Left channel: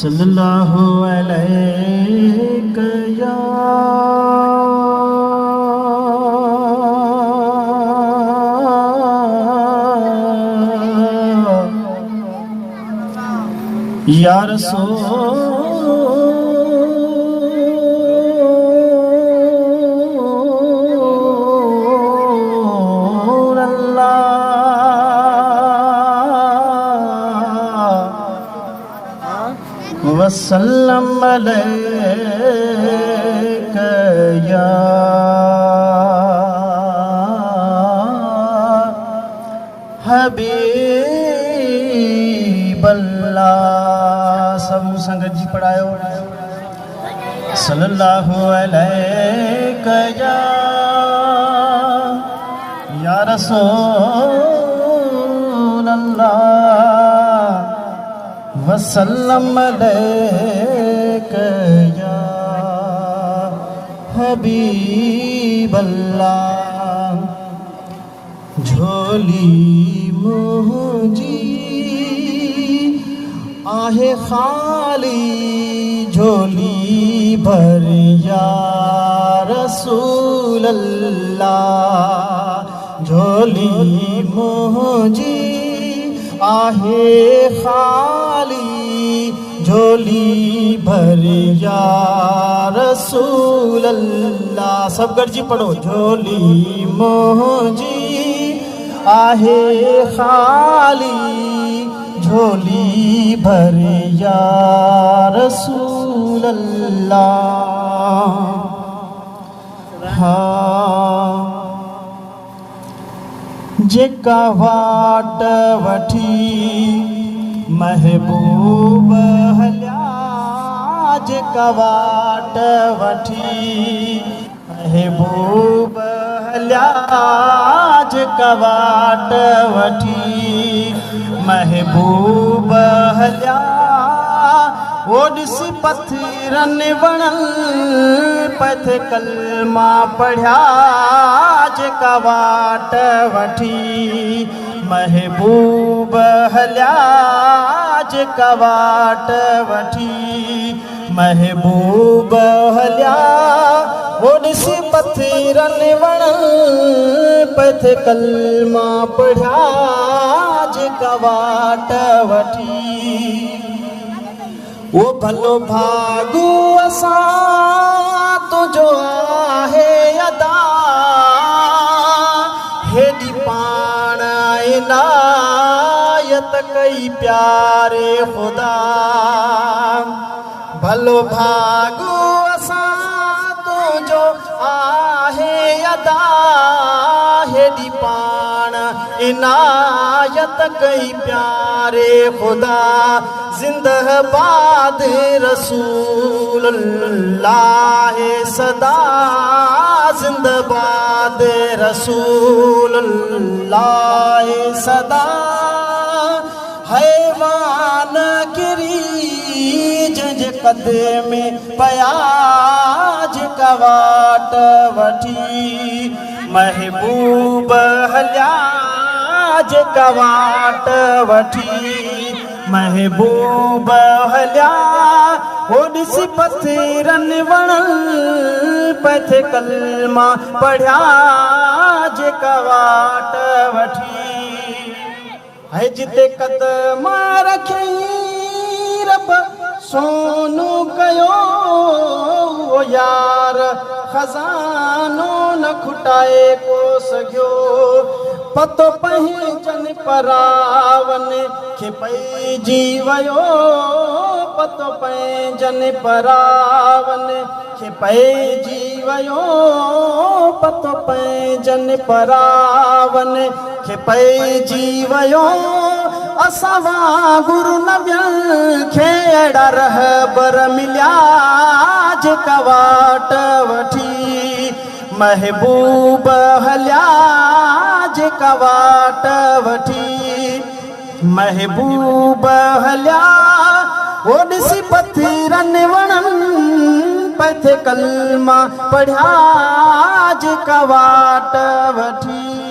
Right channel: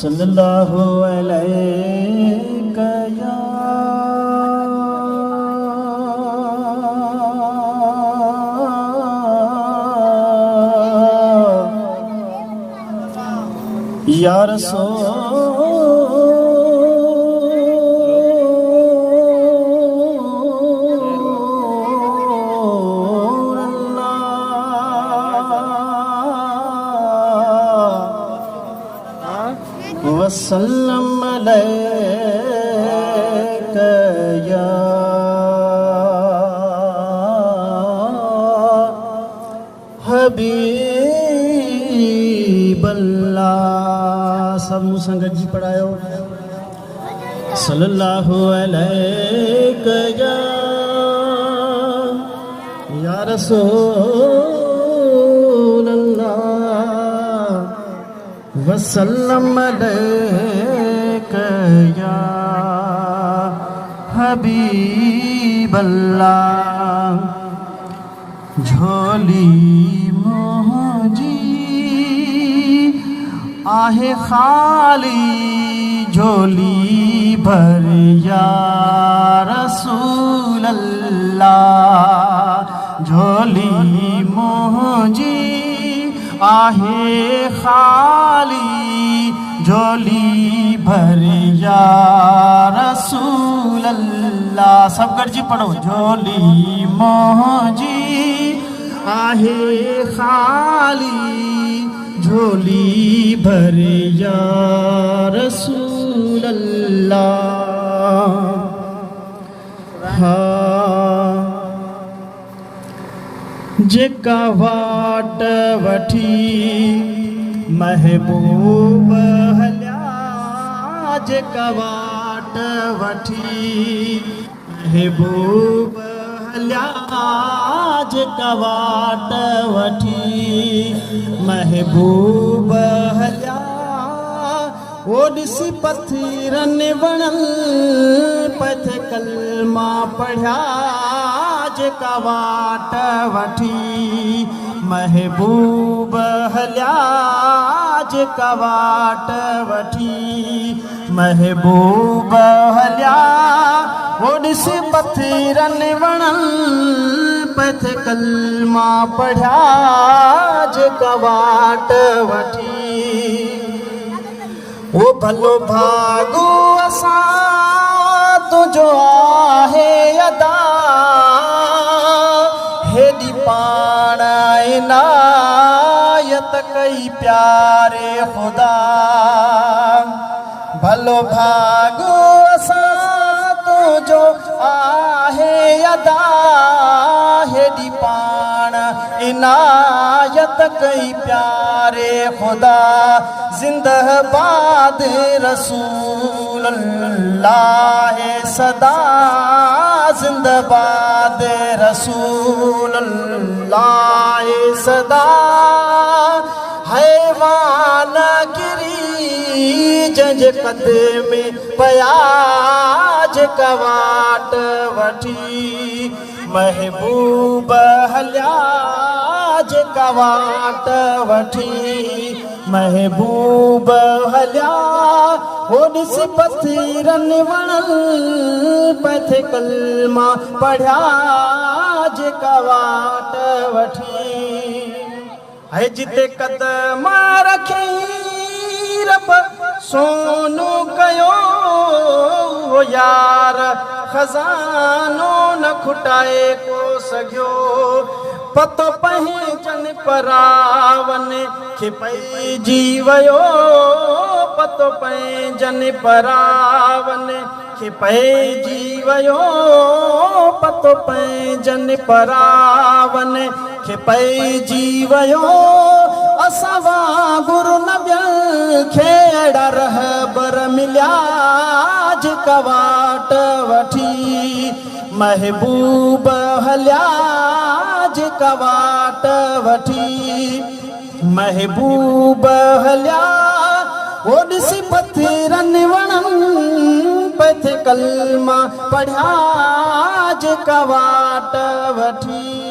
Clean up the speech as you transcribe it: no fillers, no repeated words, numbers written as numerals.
सल्लल्लाहु अलैहि या रसूल अल्लाह वसल्लम अलैका या हबीब अल्लाह। सब संगत जी पढ़ायो सल्लल्लाहु अलैका या रसूल अल्लाह वसल्लम अलैका या हबीब अल्लाह। झोली मुझी आहे खाली झोली भर या रसूल अल्लाह। झोली मुझी आहे खाली झोली भर या रसूल अल्लाह। सब गॾिजी पढ़ो झोली मुझी आहे खाली झोली भर या रसूल अल्लाह। हाँ जेका वाट वठी महबूब हलिया जेका वाट वठी महबूब हलिया जेका वाट वठी महबूब हलिया वो ॾिसी पथरन वणल पथ कलमा पढ़िया जेका वाट वठी महबूब हलिया जेका वाट वठी महबूब हलिया वो ॾिसी पथरन वणल पथ कलमा पढ़िया जेका वाट वठी। वो भलो भागू असां तुंहिंजो आहे अदा हेॾी पाण इनायत कई प्यारे ख़ुदा। भलो भागू असां तुंहिंजो आहे अदा हेॾी पाण इनायत कई प्यारे ख़ुदा। जिंदाबाद रसूल अल्लाह सदा जिंदाबाद रसूल अल्लाह सदा। हैवान किरी जंज कदम पया जेका वाट वठी महबूब हलिया जेका वाट वठी महबूब हलिया हो ॾिसी पथरन वणल पथ कलमा पढ़िया जेका वाट वठी। है जिते कदम रखी रब सोनू कयो यार खजानो न खुटाए को सघियो। पतो पंहिंजन परावन खे पइजी वियो पतो पंहिंजन परावन खे पइजी वियो पतो पंहिंजन परावन खे पइजी वियो। असां वांगुरु नबियनि खे अहिड़ा रहबर मिलिया जेका वाट वठी महबूब हलिया जेका वाट वठी महबूब हलिया वो ॾिसी पथरन वणल पथ कलमा पढ़िया जेका वाट वठी।